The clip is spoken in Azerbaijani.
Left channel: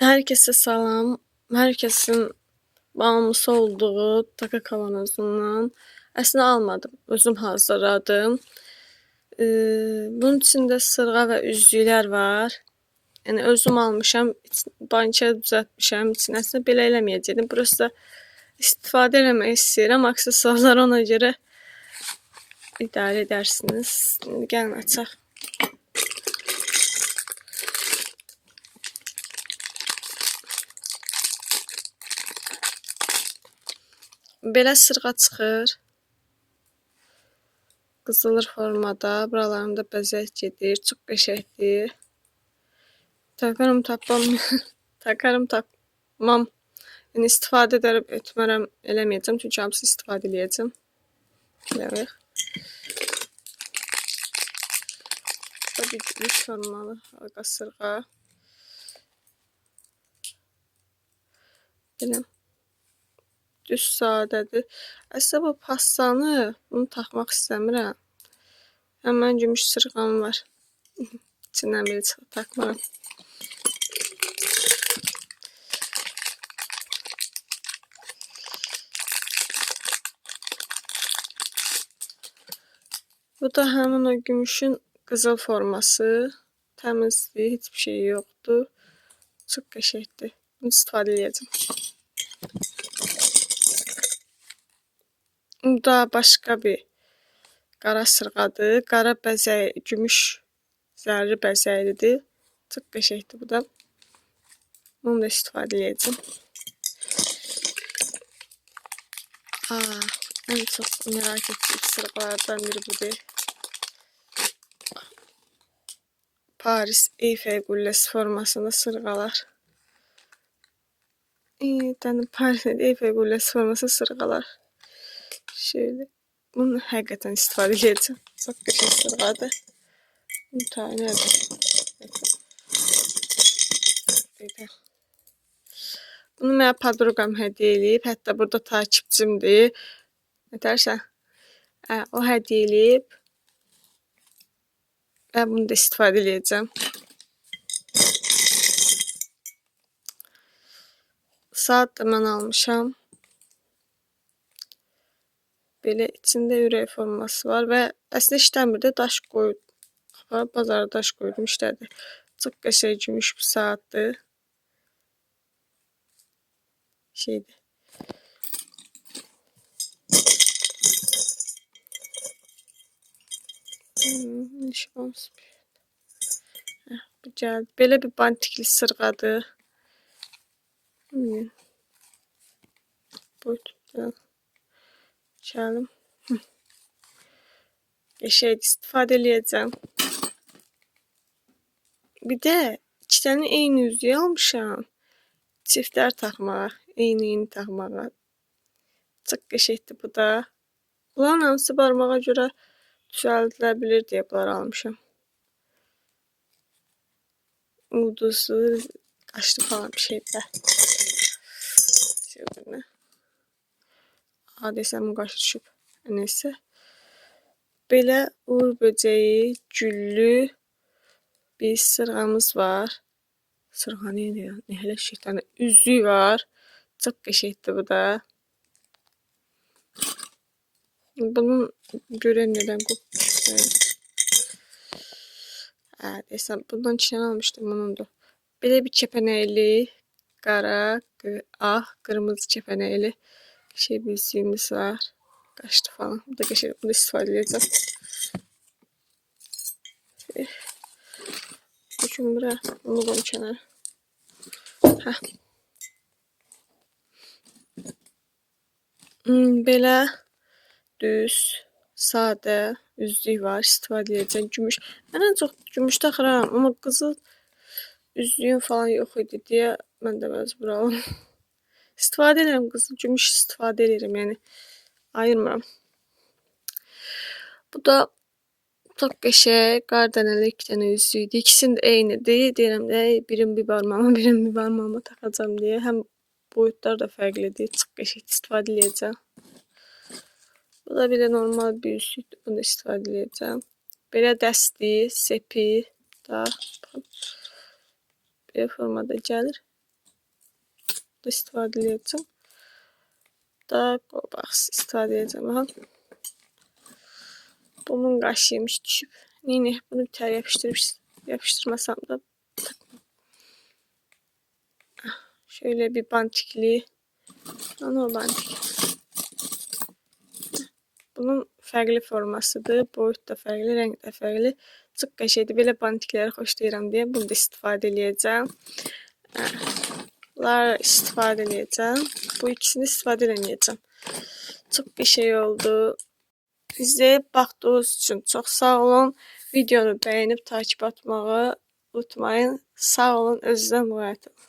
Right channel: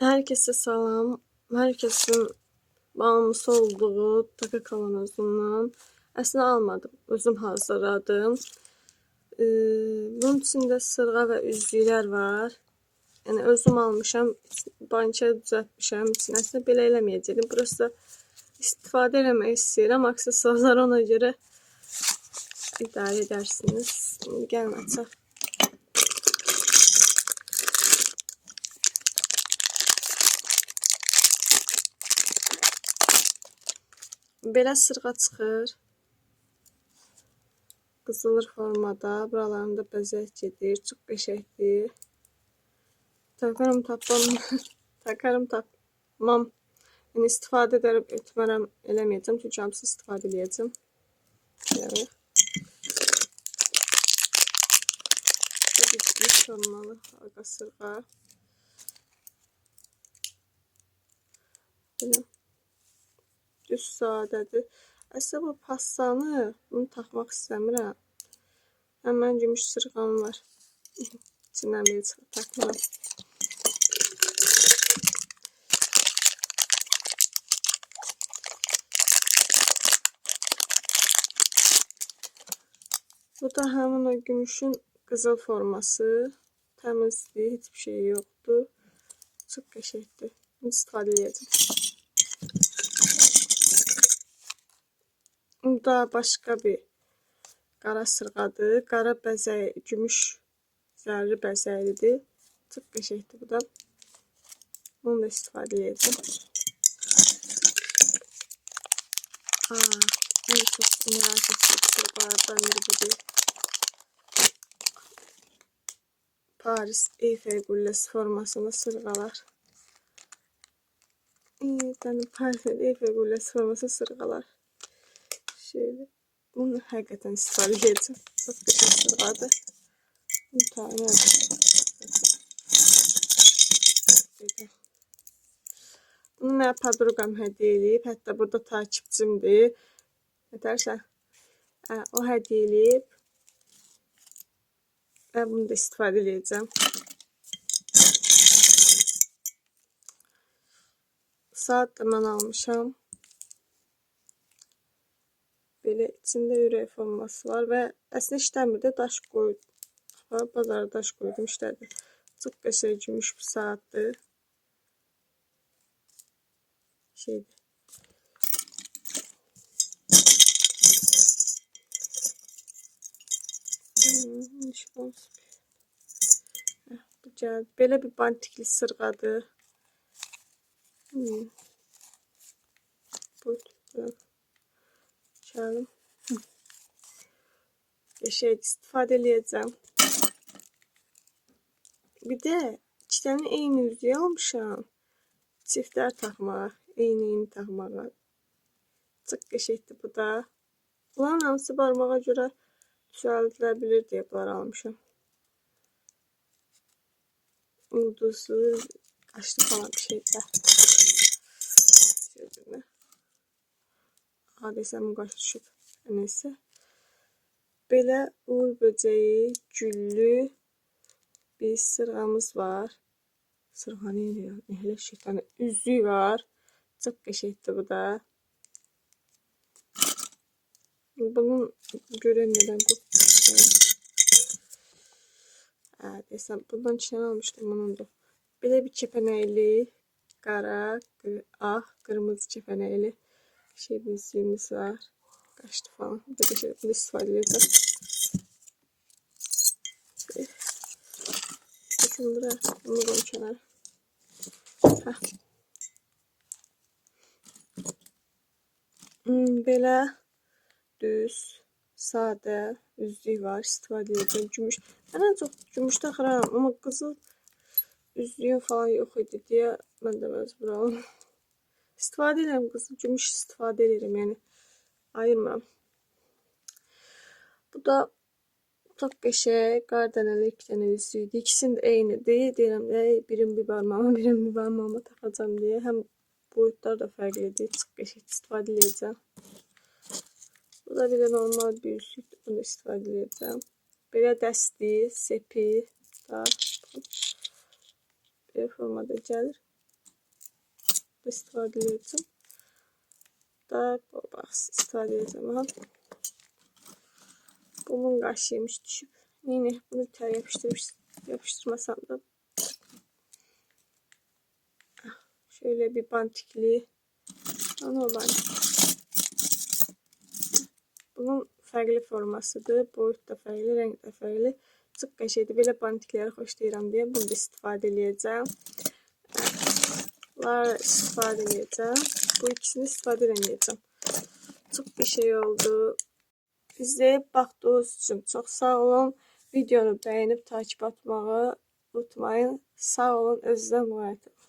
Herkese salam. Herkesin bağımlısı olduğu taka kavanozundan əslində almadım. Özüm hazırladım. Bunun içində sırğa və üzüklər var. Yəni özüm almışam, bankaya düzəltmişəm. İçinə əslində belə eləməyəcəydim. Burası istifadə eləmək istəyirəm. Aksesuarları ona görə idarə edərsiniz. İndi gəlin açaq. Belə sırğa çıxır. Qızılır formada. Buralarında bəzək gedir. Çox qəşəngdir. Takarım tapmam. Takarım tapmam. Yəni istifadə etmərəm, eləməyəcəm. Çünki hamısı istifadə edəcəm. Görək. Bu bir gümüş formalı halqa sırğa. Belə. Düz sadədir. Əslində bu passanı bunu taxmaq istəmirəm. Həmən gümüş sırğam var. İçindən biri çıxıb taxmaram. Bu da həmin o gümüşün qızıl forması. Təmizdir, heç bir şey yoxdur. Çox qəşəngdir. Bunu istifadə edəcəm. Bu da başqa bir qara sırğadır. Qara bəzək, gümüş zərli bəzəklidir. Çox qəşəngdir bu da. Bunu da istifadə edəcəm. Ən çox merak etdiyim sırğalardan biri budur. Paris Eyfel qülləsi formasında sırğalar. Paris Eyfel qülləsi formasında sırğalar. Şöyle. Bunu həqiqətən istifadə edəcəm. Çox qəşəng sırğadır. Bunu tayini edəcəm. Bunu mənə podruqam hədiyyə eləyib. Hətta burada takipçimdir. Nətərsən? O hədiyyə eləyib. Və bunu da istifadə edəcəm. Saat da mən almışam. Belə içində ürək forması var və əslində işləmir də, daş qoydum. Bazarda daş qoydum, işlədi. Çox qəşəng gümüş bir saatdır. Şeydir. Bu gəldi. Belə bir bantikli sırğadır. Buyurun. Çalım. Qəşəng istifadə edəcəm. Bir də iki dənə eyni üzüyü almışam. Çiftlər taxmağa, eyni taxmağa. Çox qəşəngdir bu da. Bunların hamısı barmağa görə düzəldilə bilir deyə bunları almışam. Ulduzlu, qaşlı falan bir şeydir. Şöyle. Desəm qaşı düşüb. Neyse. Belə uğur böcəyi, güllü bir sırğamız var. Sırğa neydi? Elə şeytanə üzüyü var. Çox qəşəngdir bu da. Bunun görən nədən qopdu? Desəm bundan iki dənə almışdım bunundur. Belə bir kəpənəkli, qara, ağ, qırmızı kəpənəkli bir üzüyümüz var. Qaşdı falan. Bu da qəşəng. Bunu istifadə edəcəm. Düşün bura. Bunu qoyum kənara. Belə düz, sadə üzlük var. İstifadə edəcəm. Gümüş. Mən ən çox gümüş taxıram. Amma qızıl üzlüyüm falan yox idi deyə mən də məcbur alım. İstifadə edirəm qızıl. Gümüş istifadə edirəm. Yəni ayırmıram. Bu da çox qəşəng, qar dənəli iki dənə üzüydü. İkisinin də eynidir. Deyirəm də, birini bir barmağıma, birini bir barmağıma taxacam deyə. Həm boyutlar da fərqlidir. Çox qəşəng istifadə edəcəm. Bu da bir də normal bir üzüydür. Bunu da istifadə edəcəm. Belə dəsti, sepi da belə formada gəlir. da istifadə edəcəm. Da qolbaq istifadə edəcəm. Bunun qaşıymış düşüb. Neyini bunu bir tər yapıştırmasam da. Şöyle bir bantikli. Ana o bantik. Bunun fərqli formasıdır. Boyut da fərqli, rəng də fərqli. Çox qəşəngdir. Belə bantikləri xoşlayıram deyə bunu da istifadə edəcəm. Bunlar istifadə edəcəm. Bu ikisini istifadə edəcəm. Çox qəşəng oldu. İzləyib baxdığınız üçün çox sağ olun. Videonu bəyənib takip atmağı unutmayın. Sağ olun, özünüzə müraciət edin.